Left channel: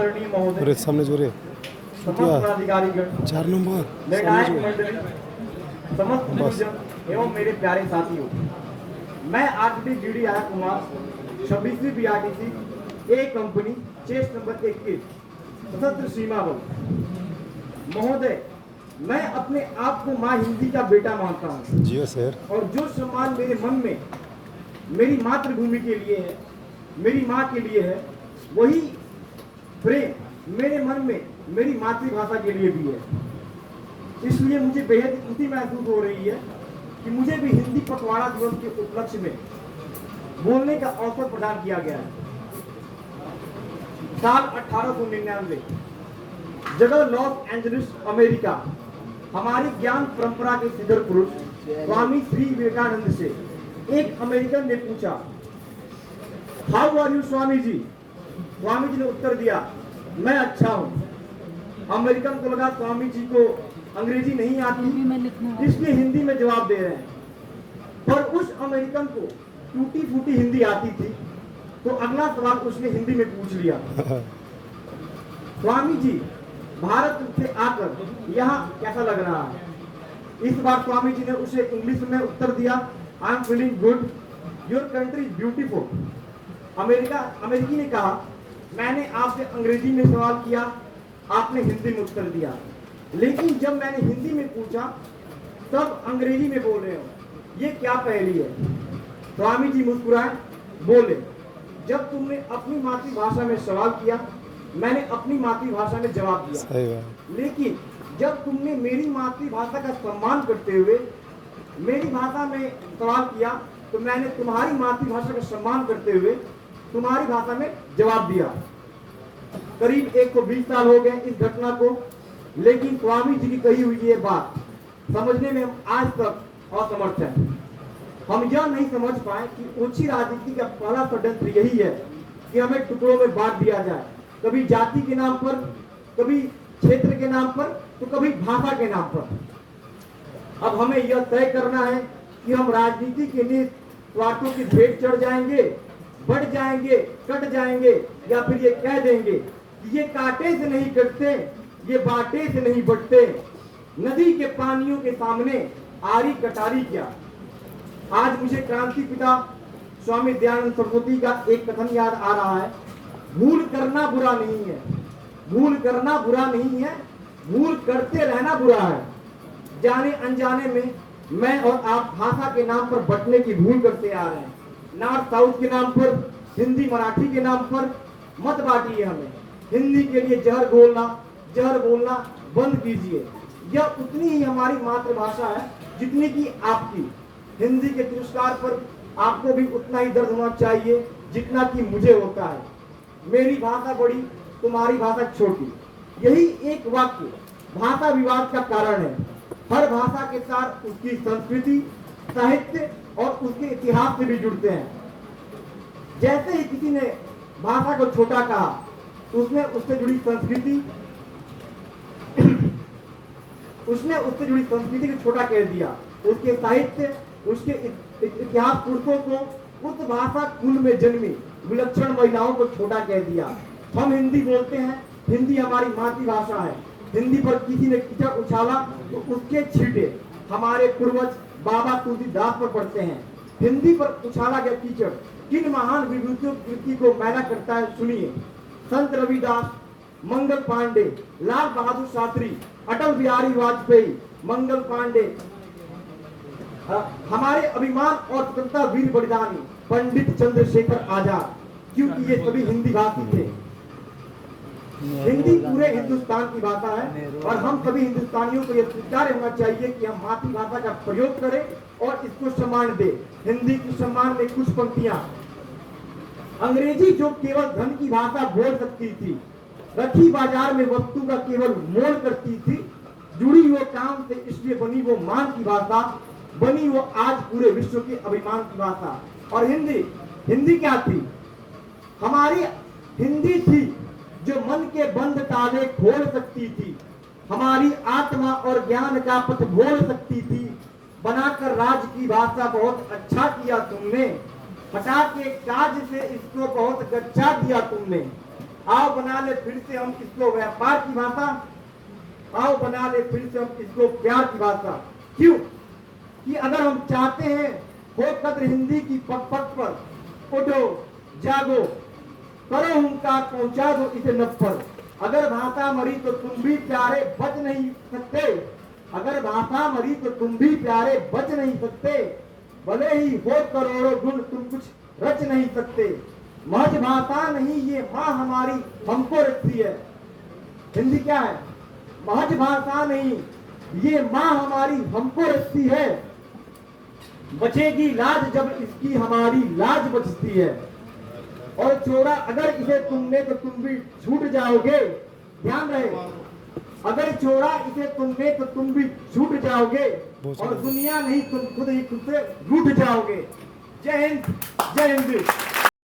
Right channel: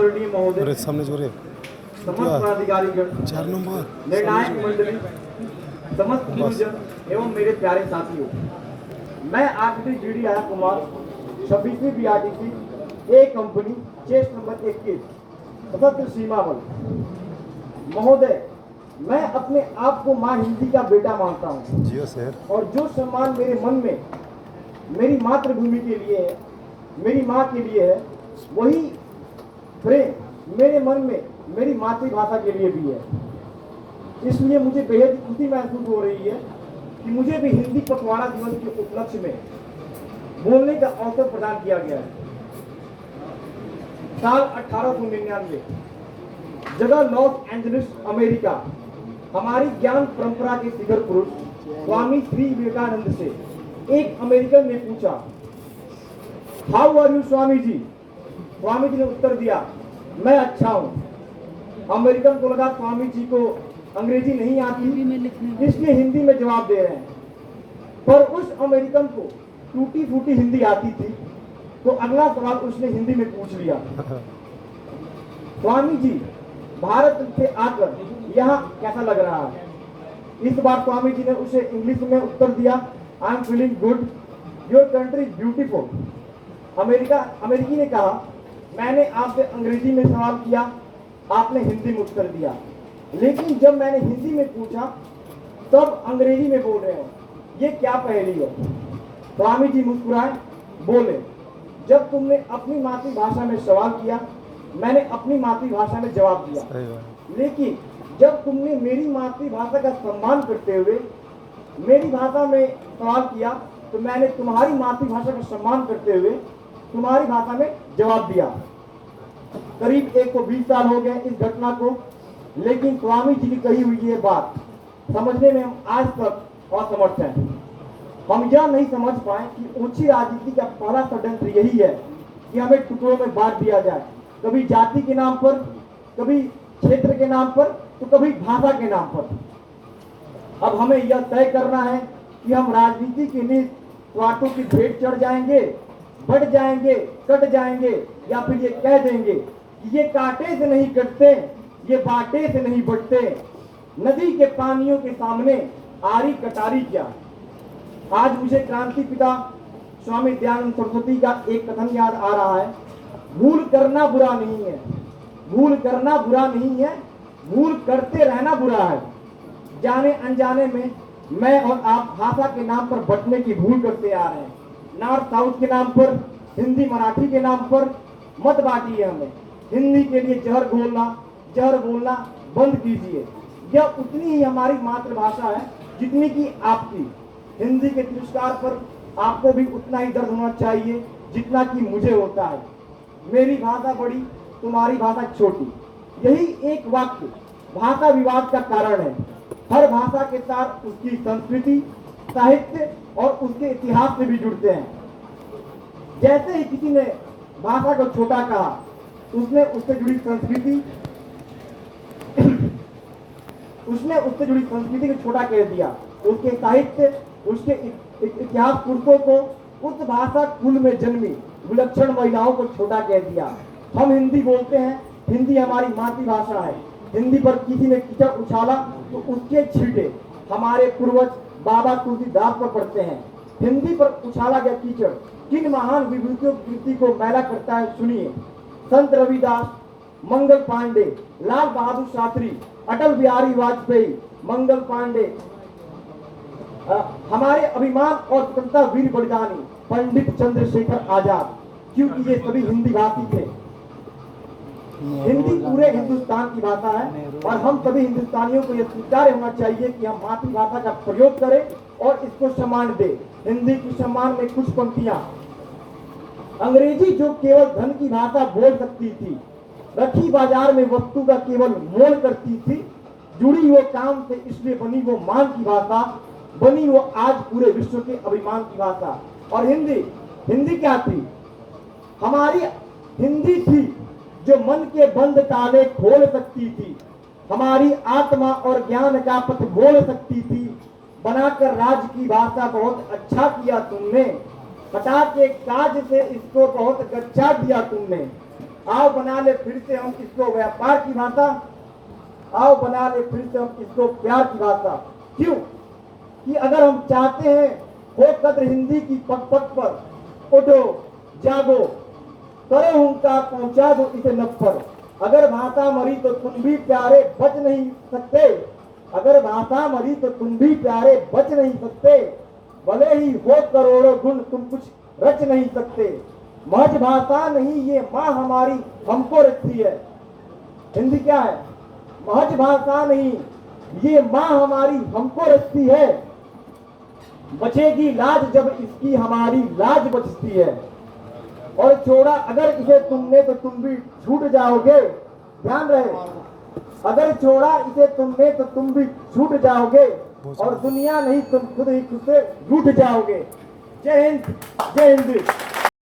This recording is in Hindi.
आदरणीय महोदय, सामने जोरे समस्त पदाधिकारीगण, 4 नंबर निर्णायक मंडली, समस्त गुरुजन एवं मेरे प्यारे साथियों, मैं RTT GD Anand Kumar 26वीं BRTC ए कंपनी चेस्ट नंबर 21 सशस्त्र सीमा बल महोदय, मैं अपने आप को माँ हिंदी का बेटा मानता हूँ। जियो सर। और जो सम्मान मेरे मन में मेरी मातृभूमि के लिए है, मेरी माँ के लिए है, वही प्रेम मेरे मन में मेरी मातृभाषा के लिए भी है। इसलिए मुझे बेहद खुशी महसूस हो रही है कि मुझे भी हिंदी पखवाड़ा दिवस के उपलक्ष्य में बोलने का अवसर प्रदान किया गया है। साल 1899, जगह लॉस एंजलिस, अमेरिका, हमारी ज्ञान परंपरा के सिद्धर पुरुष स्वामी श्री विवेकानंद से एक अमेरिकन ने पूछा, how are you Swami ji? Swami ji ने उत्तर दिया, मैं अच्छा हूं। अमेरिकन को लगा स्वामी जी को अंग्रेजी नहीं आती, इसलिए हिंदी में जवाब दे रहे हैं। पर उस अमेरिकन को टूटी फूटी हिंदी आती थी, तो अगला सवाल उसने हिंदी में पूछ लिया, स्वामी जी, भारत से आकर यहाँ कैसा लग रहा है? इस बार स्वामी जी ने उसे इंग्लिश में उत्तर दिया, I am feeling good, your country is beautiful. अमेरिकी ने कहा, मैंने आपसे अंग्रेजी में सवाल किया, आपने हिंदी में उत्तर दिया, लेकिन जब मैंने हिंदी में पूछा तब अंग्रेजी में बोल रहे हो, ये क्या पहेली है? स्वामी जी मुस्कुराए, बोले, जब तुमने अपनी मातृभाषा में सवाल किया, मैंने अपनी मातृभाषा में जवाब दिया, लेकिन जब तुमने मेरी मातृभाषा का सम्मान करते हुए मेरी भाषा में सवाल किया, तो मैंने तुम्हारी मातृभाषा का सम्मान करते हुए तुम्हारी भाषा में जवाब दिया। करीब 120 साल हो गए इस घटना को, लेकिन स्वामी जी की कही हुई ये बात समझने में हम आज तक असमर्थ हैं। हम यह नहीं समझ पाए कि ऊंची राजनीति का पहला षड्यंत्र यही है कि हमें टुकड़ों में बांट दिया जाए, कभी जाति के नाम पर, कभी क्षेत्र के नाम पर, तो कभी भाषा के नाम पर। अब हमें यह तय करना है कि हम राजनीति के लिए स्वार्थों की भेंट चढ़ जाएंगे, बढ़ जाएंगे, कट जाएंगे, या फिर ये कह देंगे कि ये कांटे से नहीं कटते, ये बाटे से नहीं बढ़ते, नदी के पानियों के सामने आरी कटारी क्या। आज मुझे क्रांति पिता स्वामी दयानंद सरस्वती का एक कथन याद आ रहा है, भूल करना बुरा नहीं है, भूल करना बुरा नहीं है, भूल करते रहना बुरा है। जाने अनजाने में मैं और आप भाषा के नाम पर बंटने की भूल करते आ रहे हैं। नॉर्थ साउथ के नाम पर, हिंदी मराठी के नाम पर मत बांटिए हमें। हिंदी के लिए जहर बोलना बंद कीजिए। यह उतनी ही हमारी मातृभाषा है जितनी की आपकी। हिंदी के तिरस्कार पर आपको भी उतना ही दर्द होना चाहिए जितना कि मुझे होता है। मेरी भाषा बड़ी, तुम्हारी भाषा छोटी, यही एक वाक्य भाषा विवाद का कारण है। हर भाषा के साथ उसकी संस्कृति, साहित्य और उसके इतिहास से भी जुड़ते हैं। जैसे ही किसी ने भाषा को छोटा कहा, तो उसने उससे जुड़ी संस्कृति को छोटा कह दिया, उसके साहित्य, उसके इतिहास पुरुषों को, उस भाषा कुल में जन्मी विलक्षण महिलाओं को छोटा कह दिया। हम हिंदी बोलते हैं, हिंदी हमारी मातृभाषा है। हिंदी पर किसी ने कीचड़ उछाला तो उसके छींटे हमारे पूर्वज बाबा तुलसीदास पर पड़ते हैं। हिंदी पर उछाला गया कीचड़ किन महान विभूतियों की कृति को मैला करता है, सुनिए। संत रविदास, मंगल पांडे, लाल बहादुर शास्त्री, अटल बिहारी वाजपेयी, मंगल पांडे, हमारे अभिमान और स्वतंत्रता वीर बलिदानी पंडित चंद्रशेखर आजाद, क्योंकि ये सभी हिंदी भाषी थे। हिंदी पूरे हिंदुस्तान की भाषा है और हम सभी हिंदुस्तानियों को यह स्वीकार होना चाहिए कि हम मातृभाषा का प्रयोग करें और इसको सम्मान दें। हिंदी के सम्मान में कुछ पंक्तियां। अंग्रेजी जो केवल धन की भाषा बोल सकती थी, रखी बाजार में वस्तु का केवल मोल करती थी, जुड़ी हुए काम से इसलिए बनी वो मान की भाषा, बनी वो आज पूरे विश्व के अभिमान की भाषा। और हिंदी क्या थी? हमारी हिंदी थी जो मन के बंद ताले खोल सकती थी, हमारी आत्मा और ज्ञान का पथ बोल सकती थी। बनाकर राज की भाषा बहुत अच्छा किया तुमने, हटा के काज से इसको बहुत गच्चा दिया तुमने। आओ बना ले फिर से हम इसको व्यापार की भाषा, आओ बना ले फिर से हम इसको प्यार की भाषा। क्यों कि अगर हम चाहते हैं हो कद्र हिंदी की पग पग पर, उठो जागो करो हुंकार पहुंचा दो इसे लब पर। अगर भाषा मरी तो तुम भी प्यारे बच नहीं सकते, अगर भाषा मरी तो तुम भी प्यारे बच नहीं सकते, भले ही हो करोड़ों गुण तुम कुछ रच नहीं सकते। महज भाषा नहीं ये माँ हमारी हमको रचती है। हिंदी क्या है? महज भाषा नहीं ये माँ हमारी हमको रचती है, बचेगी लाज जब इसकी हमारी लाज बचती है। और छोड़ा अगर इसे तुमने तो तुम भी छूट जाओगे, ध्यान रहे, अगर छोड़ा इसे तुमने तो तुम भी छूट जाओगे, और दुनिया नहीं तुम खुद ही खुद से रूठ जाओगे। जय हिंद, जय हिंद।